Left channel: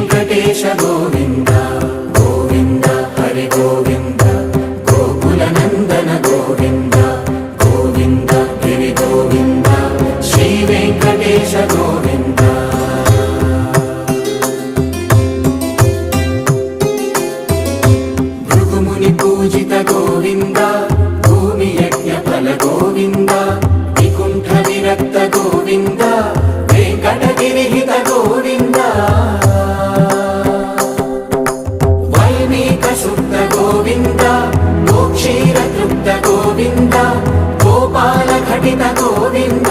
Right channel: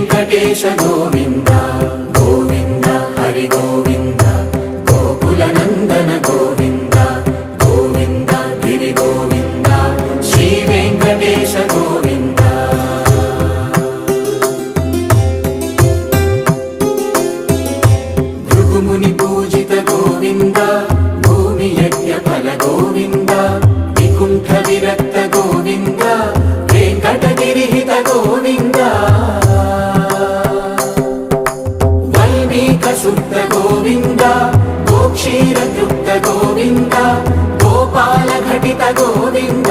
వెంకటేశ గోవింద గోవింద హరి గోవింద గోకుల నందన గోవింద గోవింద గిరి గోవింద శ్రీ వెంకటేశ గోవింద భృగుముని పూజిత గోవింద భూమి యజ్ఞ ఫల గోవింద వికుంఠ విరక్త గోవింద వెంకటగిరి హిత గోవింద వల్మీక శుద్ధ గోవింద గోక్షీర తృప్త గోవింద గోపాల ఘటిత గోవింద